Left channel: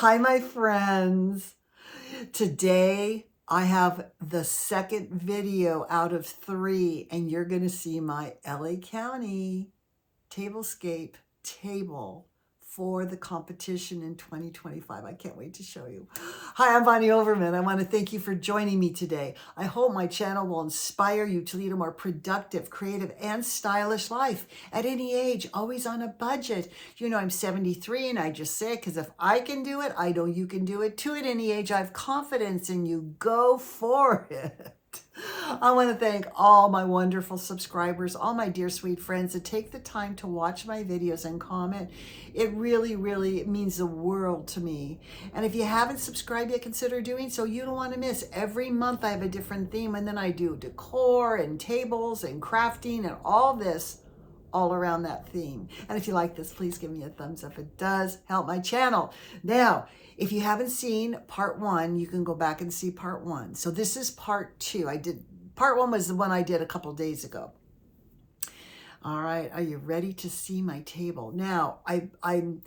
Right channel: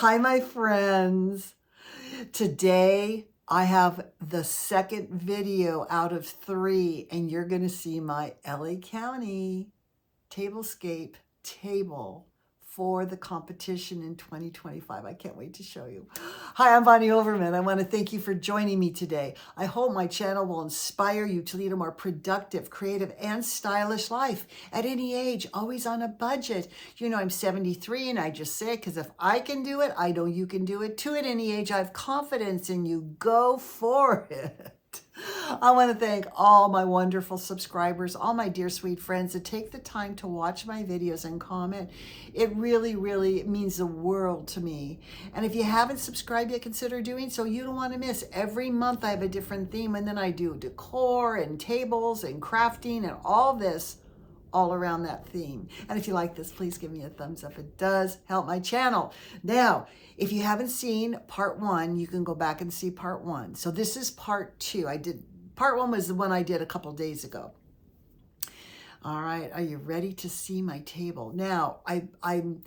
Hi, my friends. Today I have the second video out of 3, and you're going to see my LA County tablescape table for the competition in 2025. I can't wait to show you. Hi, I'm Bonnie Overman. I want to thank you for joining me today. I hope my channel will inspire you to lead a more productive, creative, and stylish life at any age, always on a budget. You know, I'm 73 and I just say it because if I can do it, I know you can do it too at any age. I have confidence in you. Go for it. I want to thank all my wonderful subscribers, all my dear sweet friends that take the time to watch my videos and comment. It really, really means the world to me. And if you haven't subscribed yet, consider doing so. You don't want to miss. Every month I have a different theme, and then I do decor and tables and crafting and all this all around that theme. And if you like this, please give me a thumbs up. It does help my channel. Now, if you haven't seen part 1, you can go back and see part 1. So this is part 2. Part 1 was the one I did a couple days ago. All right, are you ready to see my table? Now, I'm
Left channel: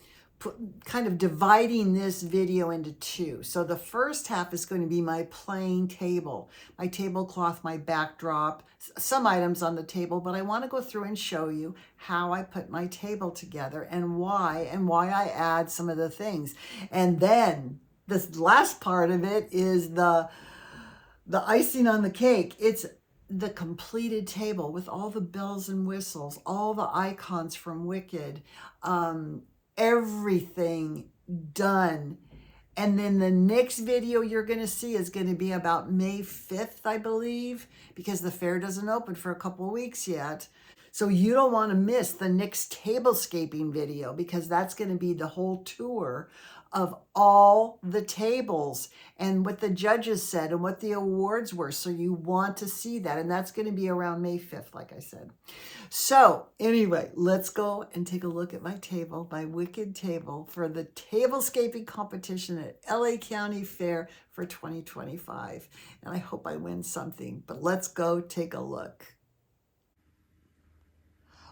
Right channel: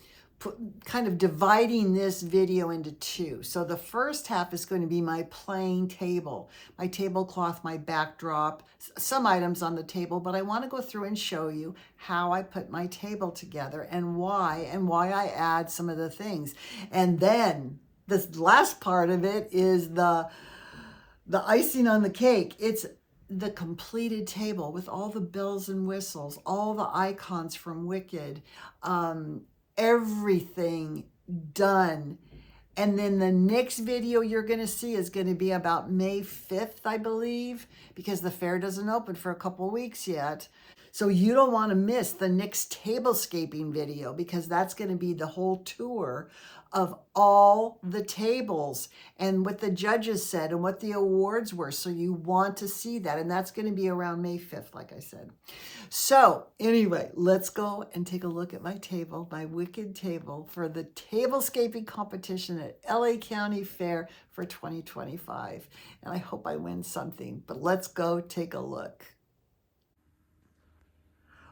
kind of dividing this video into 2. So the first half is going to be my plain table, my tablecloth, my backdrop, some items on the table, but I want to go through and show you how I put my table together and why I add some of the things. And then this last part of it is the icing on the cake. It's the completed table with all the bells and whistles, all the icons from Wicked, everything done. And then the next video you're going to see is going to be about May 5th, I believe, because the fair doesn't open for a couple of weeks yet. So you don't want to miss the next tablescaping video, because that's going to be the whole tour of all the tables and what the judges said and what the awards were. So you want to see that. And that's going to be around May 5th, like I said. So anyway, let's go and take a look at my table, my Wicked table for the tablescaping competition at LA County Fair for 2025. And I hope I win something, but let's go take a look.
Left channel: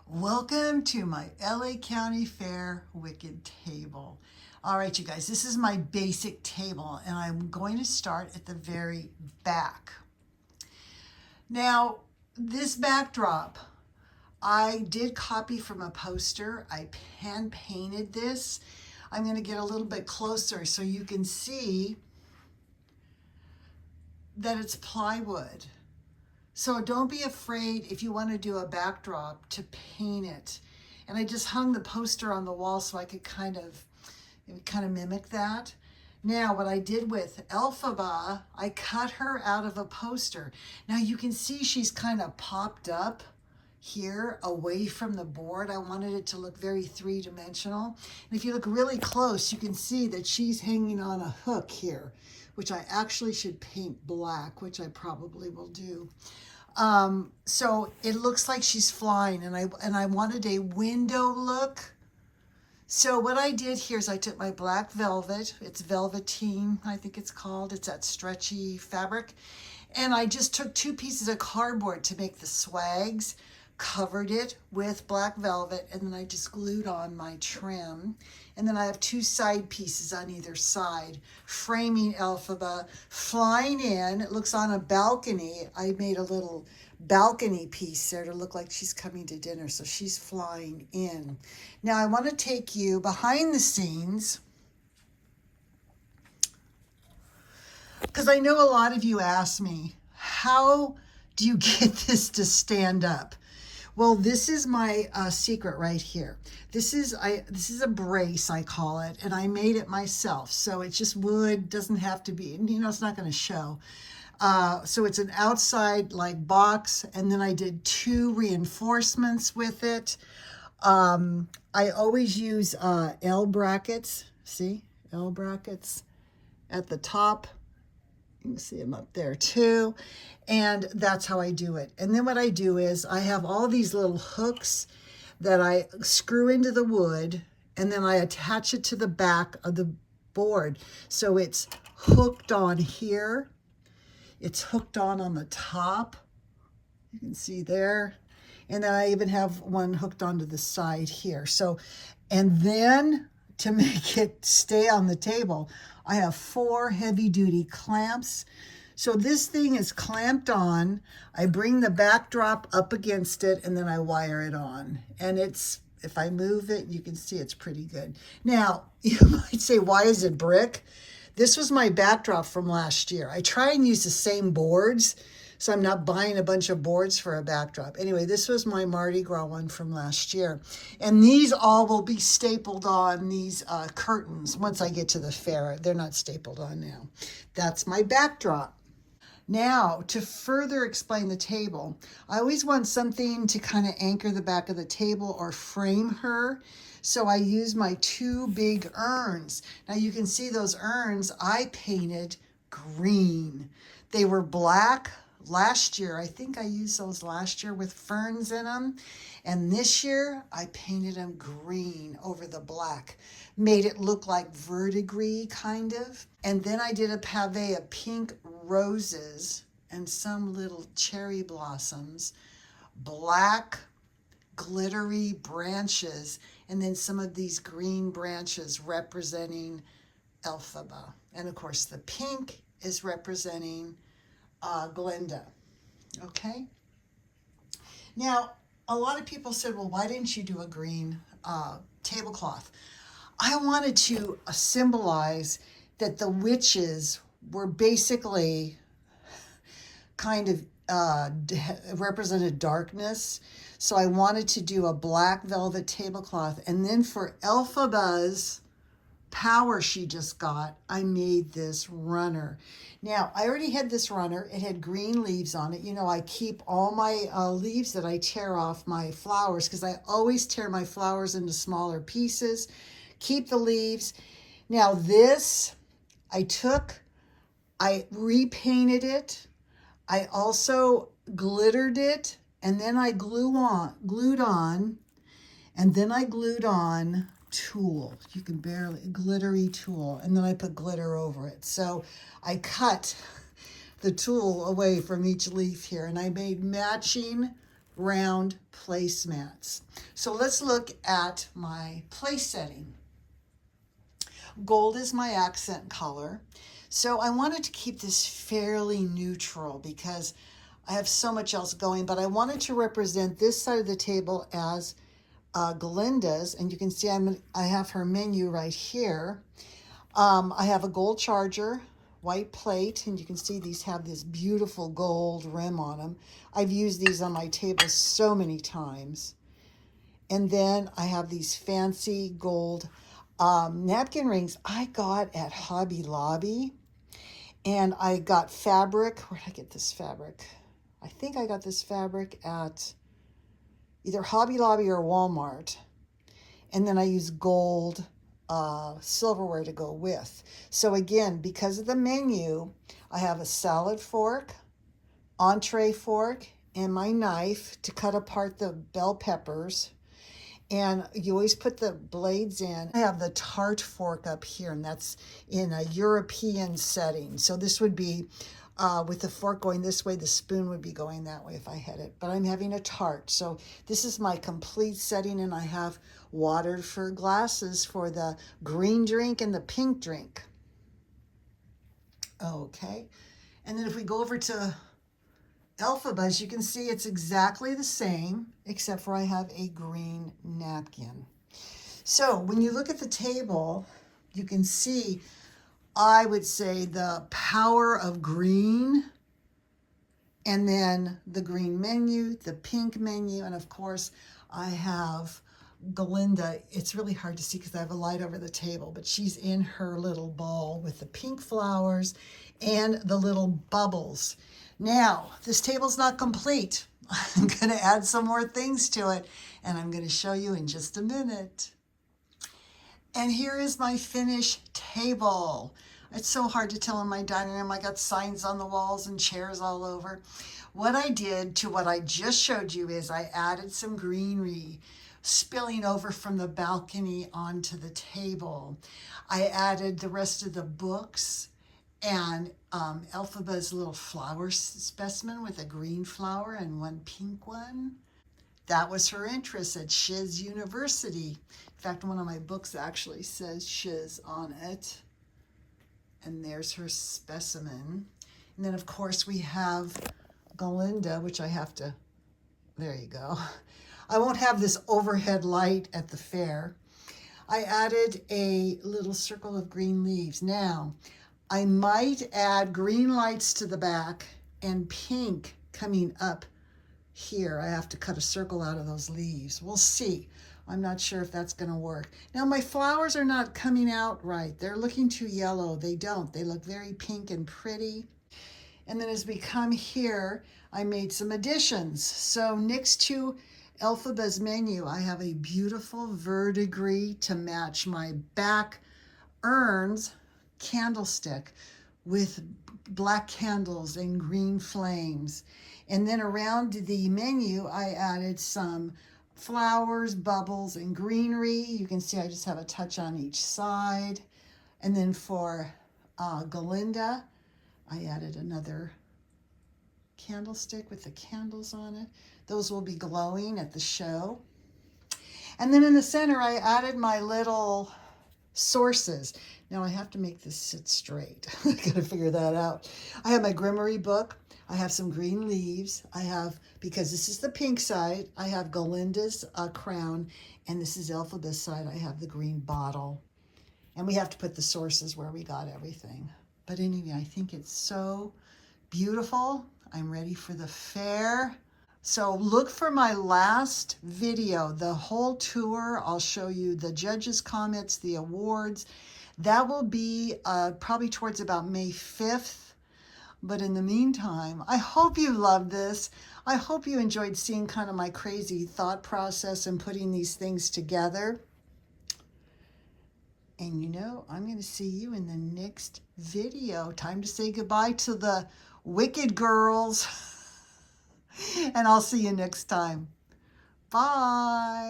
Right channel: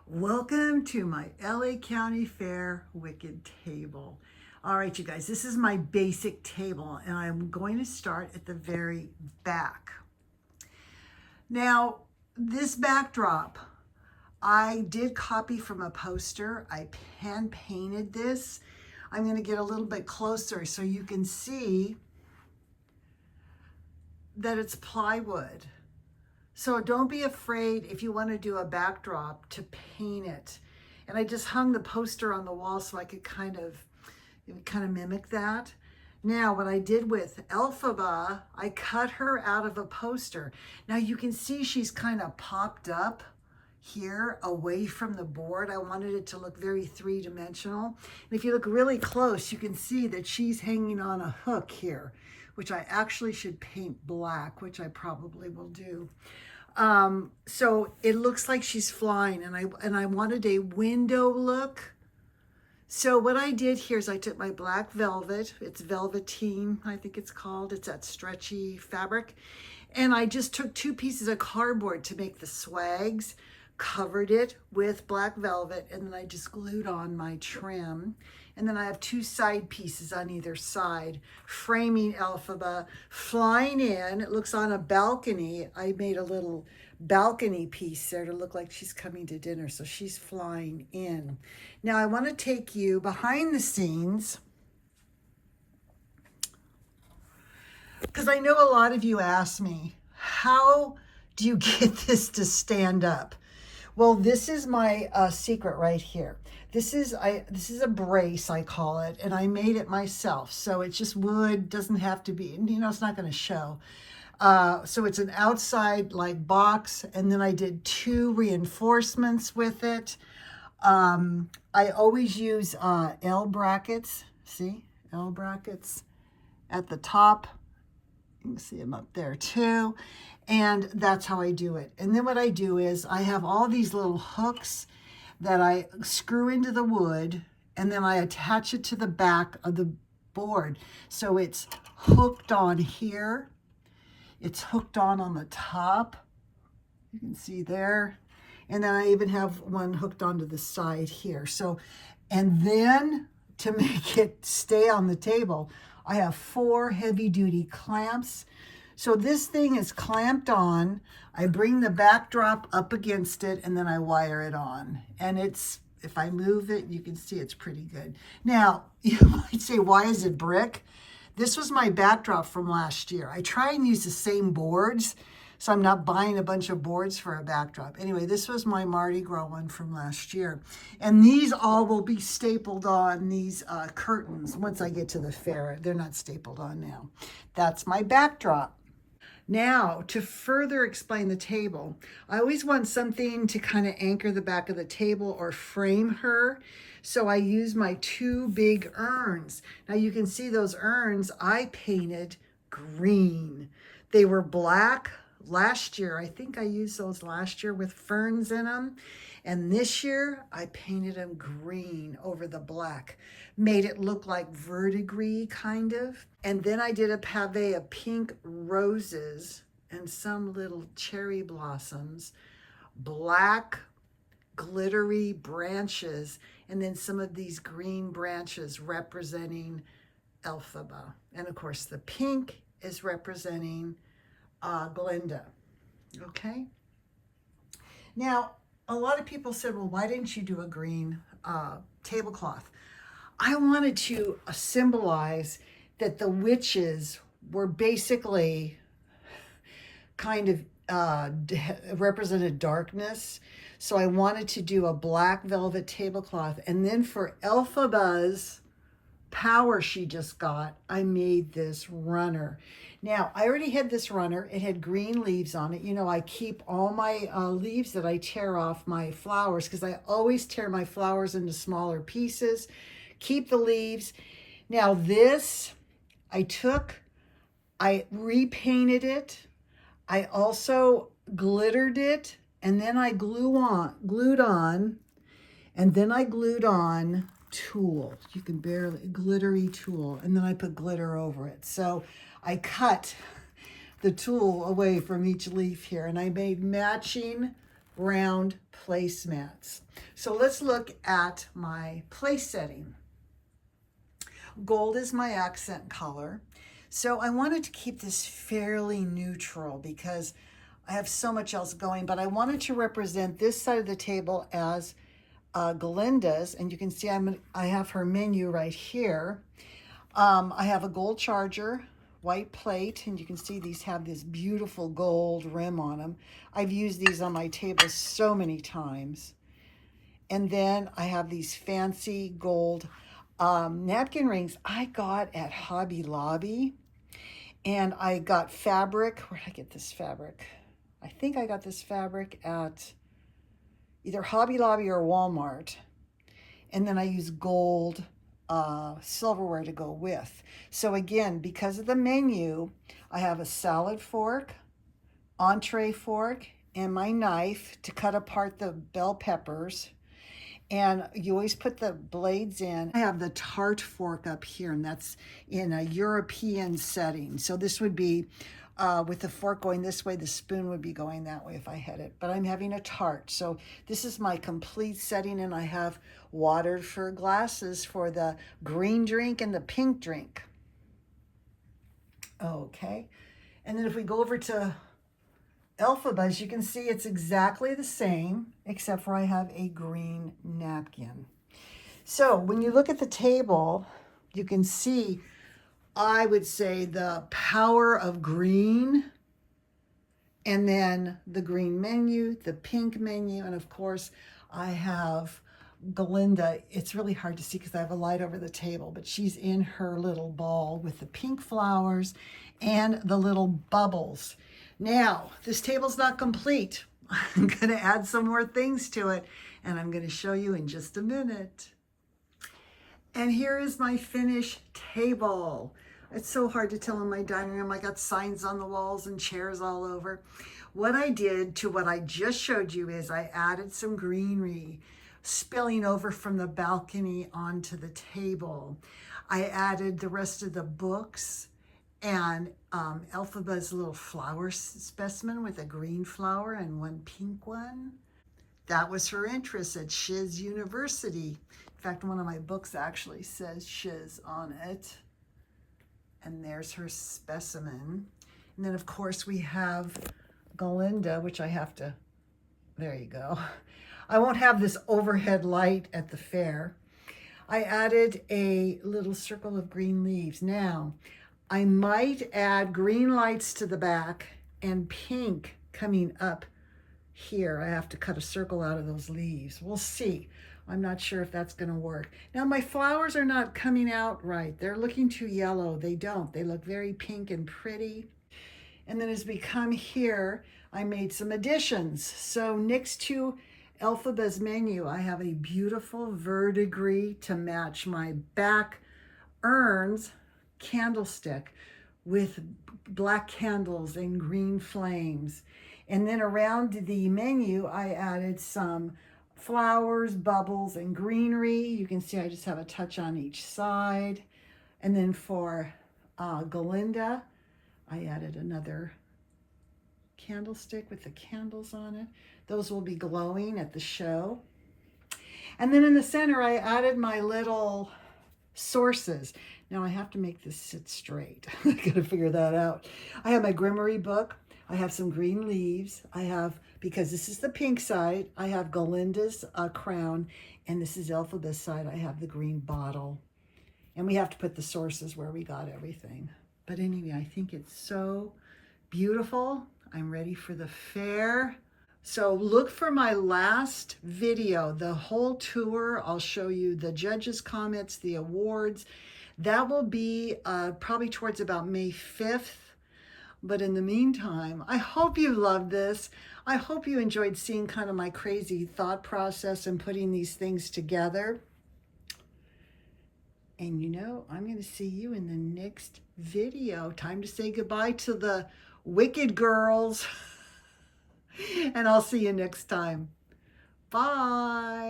Welcome to my LA County Fair Wicked table. All right, you guys, this is my basic table, and I'm going to start at the very back. Now, this backdrop, I did copy from a poster. I hand painted this. I'm going to get a little bit closer so you can see that it's plywood. So don't be afraid if you want to do a backdrop to paint it. And I just hung the poster on the wall so I could kind of mimic that. Now, what I did with Elphaba, I cut her out of a poster. Now you can see she's kind of popped up here away from the board. I wanted it to look very three-dimensional. And if you look really close, you can see that she's hanging on a hook here, which I actually should paint black, which I probably will do. So it looks like she's flying, and I wanted a window look. So what I did here is I took my black velvet, it's velveteen, I think it's called, it's that stretchy fabric, and I just took 2 pieces of cardboard to make the swags, covered it with black velvet, and then I just glued on my trim. And then I have 2 side pieces on either side, framing Elphaba, flying in. It looks on a balcony. I made a little balcony piece there to look like she's coming to dinner, so she's flying in. Now I want to take you behind the scenes, because I know a lot of you ask me, how do you get this to stand up? Well, this is my secret right here. This is a brace, I call it, and I made it myself. So it's just wood, doesn't have to be, you know, it's not going to show. So it's an outside like box, and then I did 2 reinforcements with it. I always use L brackets. See, L brackets at the top. You can see them up there too. And that's how I do it. And then what I do is I have all these little hooks that I screw into the wood, and then I attach it to the back of the board. So it's hooked on here. It's hooked on the top. You can see there. And then I even have one hooked onto the side here. So, and then to make it stay on the table, I have 4 heavy-duty clamps. So this thing is clamped on. I bring the backdrop up against it, and then I wire it on. And it's, if I move it, you can see it's pretty good. Now, you might say, why is it brick? This was my backdrop from last year. I try and use the same boards, so I'm not buying a bunch of boards for a backdrop. Anyway, this was my Mardi Gras one from last year. And these all will be stapled on, these curtains, once I get to the fair. They're not stapled on now. That's my backdrop. Now, to further explain the table, I always want something to kind of anchor the back of the table or frame her. So I use my 2 big urns. Now you can see those urns I painted green. They were black last year. I think I used those last year with ferns in them. And this year I painted them green over the black. Made it look like verdigris kind of. And then I did a pavé of pink roses and some little cherry blossoms, black glittery branches, and then some of these green branches representing Elphaba. And of course the pink is representing Glinda. Okay. Now, a lot of people said, well, why didn't you do a green tablecloth? I wanted to symbolize that the witches were basically kind of represented darkness. So I wanted to do a black velvet tablecloth. And then for Elphaba's power she just got, I made this runner. Now, I already had this runner. It had green leaves on it. You know, I keep all my leaves that I tear off my flowers, because I always tear my flowers into smaller pieces. Keep the leaves. Now this, I repainted it. I also glittered it, and then I glued on, and then I glued on tulle. You can barely, glittery tulle, and then I put glitter over it. So I cut the tulle away from each leaf here, and I made matching round placemats. So let's look at my place setting. Gold is my accent color. So I wanted to keep this fairly neutral because I have so much else going, but I wanted to represent this side of the table as Glinda's, and you can see I have her menu right here. I have a gold charger, white plate, and you can see these have this beautiful gold rim on them. I've used these on my table so many times. And then I have these fancy gold napkin rings I got at Hobby Lobby. And I got fabric. Where did I get this fabric? I think I got this fabric at either Hobby Lobby or Walmart. And then I use gold silverware to go with. So again, because of the menu, I have a salad fork, entree fork, and my knife to cut apart the bell peppers. And you always put the blades in. I have the tart fork up here, and that's in a European setting. So this would be with the fork going this way, the spoon would be going that way if I had it. But I'm having a tart. So this is my complete setting, and I have water for glasses for the green drink and the pink drink. Okay. And then if we go over to Elphaba, as you can see, it's exactly the same, except for I have a green napkin. So when you look at the table, you can see, I would say, the power of green, and then the green menu, the pink menu, and of course, I have Glinda. It's really hard to see because I have a light over the table, but she's in her little ball with the pink flowers and the little bubbles. Now, this table's not complete. I'm going to add some more things to it, and I'm going to show you in just a minute. And here is my finished table. It's so hard to tell in my dining room. I got signs on the walls and chairs all over. What I did to what I just showed you is I added some greenery spilling over from the balcony onto the table. I added the rest of the books and Elphaba's little flower specimen with a green flower and one pink one. That was her interest at Shiz University. In fact, one of my books actually says shiz on it. And there's her specimen. And then, of course, we have Galinda, which I have to, there you go. I won't have this overhead light at the fair. I added a little circle of green leaves. Now, I might add green lights to the back and pink coming up here. I have to cut a circle out of those leaves. We'll see. I'm not sure if that's going to work. Now, my flowers are not coming out right. They're looking too yellow. They don't. They look very pink and pretty. And then as we come here, I made some additions. So next to Elphaba's menu, I have a beautiful verdigris to match my back urns candlestick with black candles and green flames. And then around the menu, I added some flowers, bubbles, and greenery. You can see I just have a touch on each side. And then for Galinda, I added another candlestick with the candles on it. Those will be glowing at the show. And then in the center, I added my little sources. Now I have to make this sit straight. I gotta figure that out. I have my Grimoire book. I have some green leaves. I have, because this is the pink side, I have Galinda's crown, and this is Elphaba's side. I have the green bottle. And we have to put the sources where we got everything. But anyway, I think it's so beautiful. I'm ready for the fair. So look for my last video, the whole tour. I'll show you the judges' comments, the awards. That will be probably towards about May 5th. But in the meantime, I hope you loved this. I hope you enjoyed seeing kind of my crazy thought process and putting these things together. And you know, I'm going to see you in the next video. Time to say goodbye to the wicked girls. And I'll see you next time. Bye.